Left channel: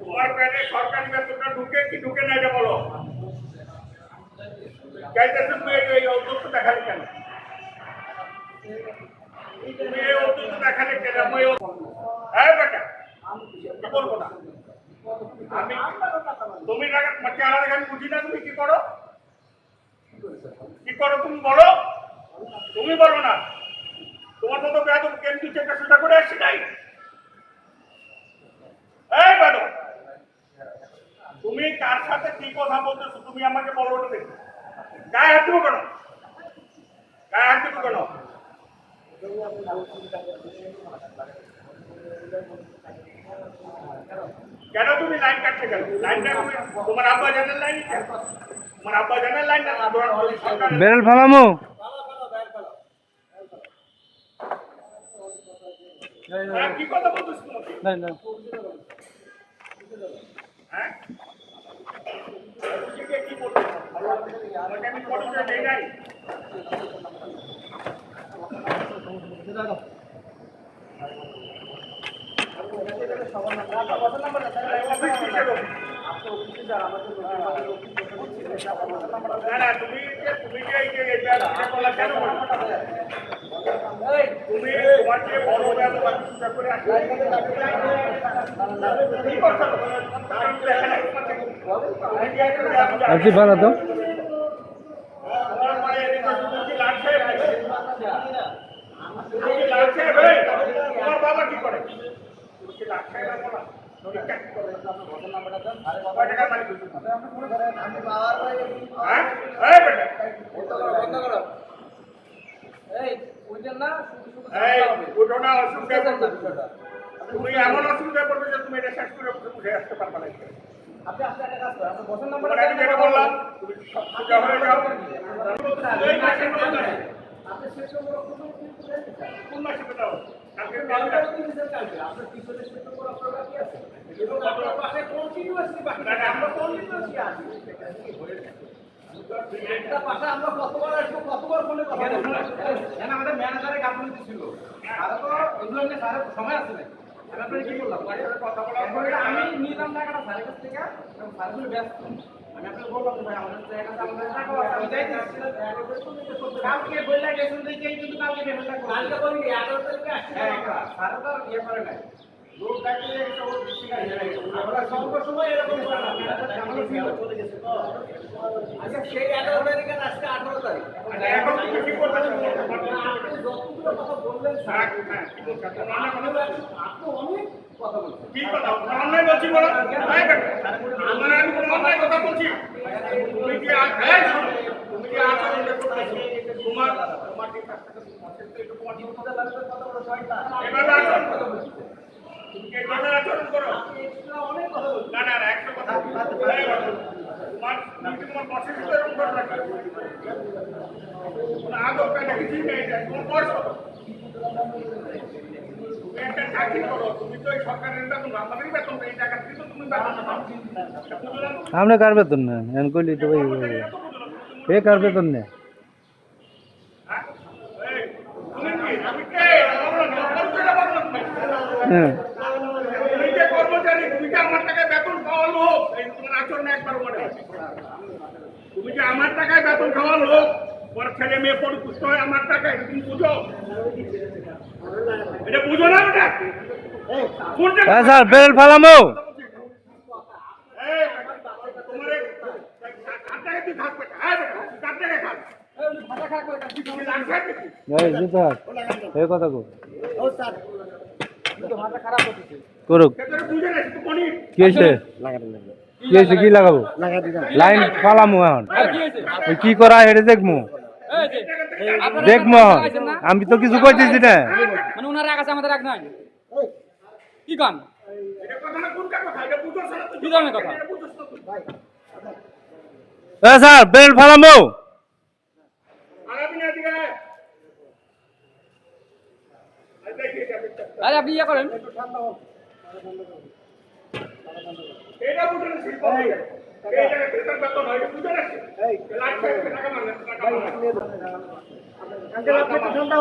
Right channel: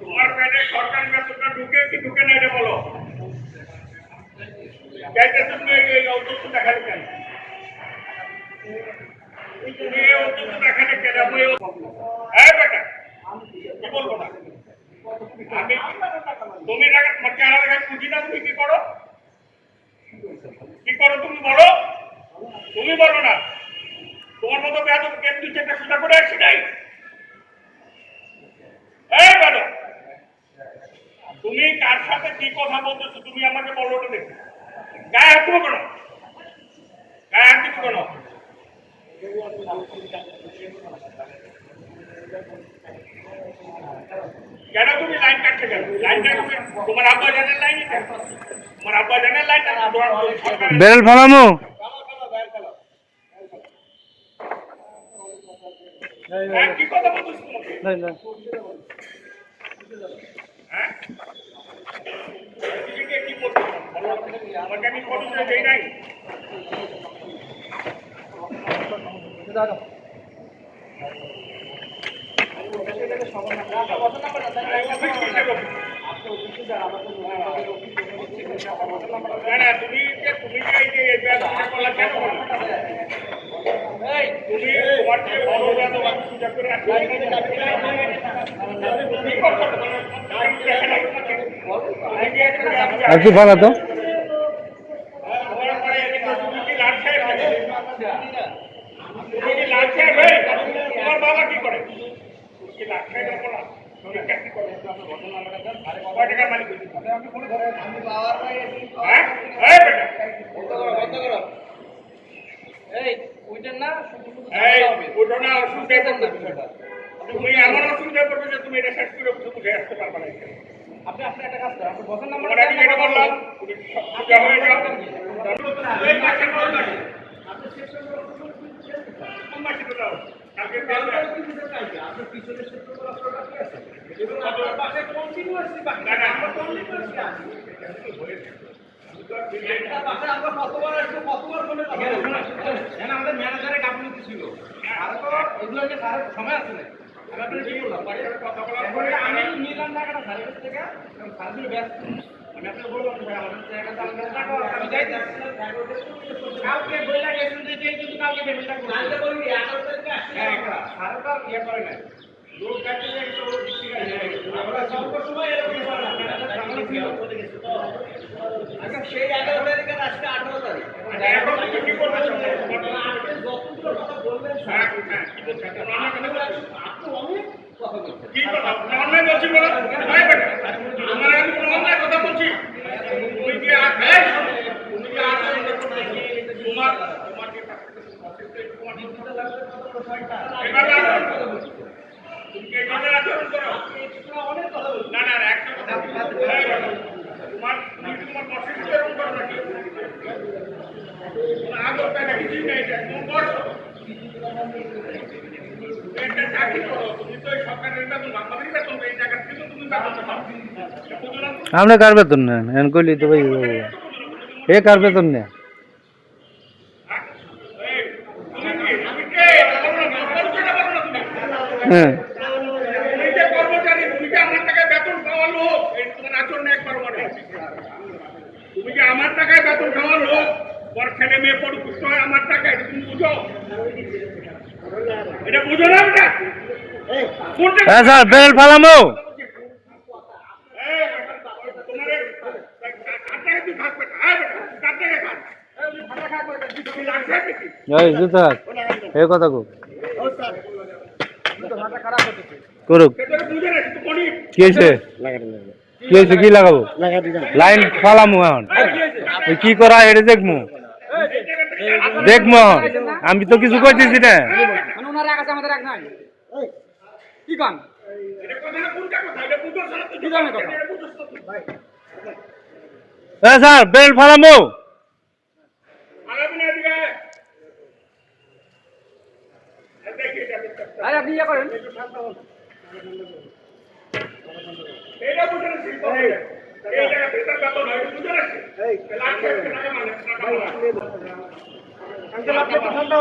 তোমার ব্যানে সরকারি বেতনটা ঢুকে কি ঢুকে না এটা বলো। চাইতেছো তুমি এই অন্তত দেখালে কেন? তুমি এই অন্তত দেখালে কেন? আমি হ্যাঁ বেটা কি বলবো না আমি তুমি টাকা তোমার চেহারা দেখে বুঝি না। তুমি কি করো তুমি বলো। তুমি বলো না তোমার মতো বেয়াদব কেন দুই চারটা সোজা করে আসছি নাই। এই বেটা তুমি কার সাথে কি কথা বলতেছো তুমি আমাকে বলো তো দেখি। গায়ে হাত দেবো কেন? গায়ে হাত দেবো কেন? কেন তুমি লাইন কাটতে গেল? লাইনটা তোমার আব্বা জানার লাইন, তোমার আব্বা জানার লাইন বেরেল ফালামো কি কথা বলছিস তোমাকে? হ্যাঁ কি বলছো? আমাকে আমি পরিচয় দেই নাই। তুমি তোমার যে বড় বেয়াদব আমি পূজা করে আসি একটু ভালো তো তোমার বাবা কি করে? তুমি এমন অসুবিধা করবে যে তুমি এটা শেষ করে বুঝে আসতে পারবে না। আপনি একটা কাজ করেন, আপনি বসেন নাম্বার আমি যেটা বললাম তুমি সোজা হয়ে যাও। এই মাসে আপনি শেষ করে কোন মাসে দাও? কালকে আপনার পিছনে শেষ করে আপনার কি আছে? এবং আপনার পাশে কন্টিনিউয়াসলি বাকি না আমরা কন্টিনিউয়াসলি আছি। একটা পাশে আমরা কতবার আসবো কতবার ফোনে কথা বলবো জানেন আমাদের ম্যানেজারের গাফিলতি ছিল। আর তো এগুলো নিয়ে স্যারের সময় আছে না। আমি আপনাকে কি বললাম পয়সার কথা বলার পরে আমি নিলাম টাকাটা স্যারের কাছ থেকে এবং স্যার ছিল ব্যস্ত। আমি আপনাকে বললাম ভাই আমাদের জায়গাটা আমাদের টাকা আমি যাইতেছি কালকে বইলা গেছেন দেখেই কিন্তু কালকে পেমেন্টটা করব। কালকে বলি 11 তারিখে আসছে। হ্যাঁ স্যারের তো ইয়ে করে না লোক কাটে একটা ওর দিকে আমরা সব সময় এরকম করে না ঝামেলা ছিল চলে গেছে তো। আচ্ছা সেই 11 তারিখে আজকে 18 তারিখ এখন তুমি কি করবে? আপনি যতগুলো কথা বললেন স্যার কি বলছেন? আপনি অনেক কথা বলছেন। কি কথা? অন্যায় বলছি বলো। ভাই বেটা আমরা আমি কোনো অন্যায় কথা বলছি? তুমি কি তুমি কি আচরণ করতেছো? তোমার তোমার কি তোমার দিতে লাগবে কথা বলো ছয়টা এভাবে আচরণ কথা বলছি। তুমি কি এভাবে আচরণ করো? অনেক কথা বলছি। না একটা কথা তোমার তোমার বসের সাথে এরকম করো নাকি? আদর পেয়ে কিছুই নেই তোমার বস একটা চাকরি করো। তুমি তো এই সরকারের বেতন আমাদেরই বেতন এই জায়গা থেকে তুমি বেতন পাও। আমরা কার বেতন নেন এন কইলি তো ভাই এ কার বেতন নেই হ্যাঁ কর্মচারী তুমি কি আমার টাকায় বেতন খাওয়া লোক? তোমার আচরণ একবার মনে আছে তুমি কি আমার টাকায় বেতন খাওয়া লোক? তোমার ছেলে মেয়ে পরিপুষ্ট হয় আমার টাকায় তুমি বুঝো? এটা বুঝো না বেটা? হ্যাঁ স্যার বেরেল ফালামো এই জুতা এই কথা কো করুক কি হয়েছে কি লাগাবো লাইন ফালামু এখন কি করা এটা দেখমু দেখমু আমি তো কিছু কইতেছি না কি কাম স্যার বেল ফালামু আপনি ইয়ে করেন ঠান্ডা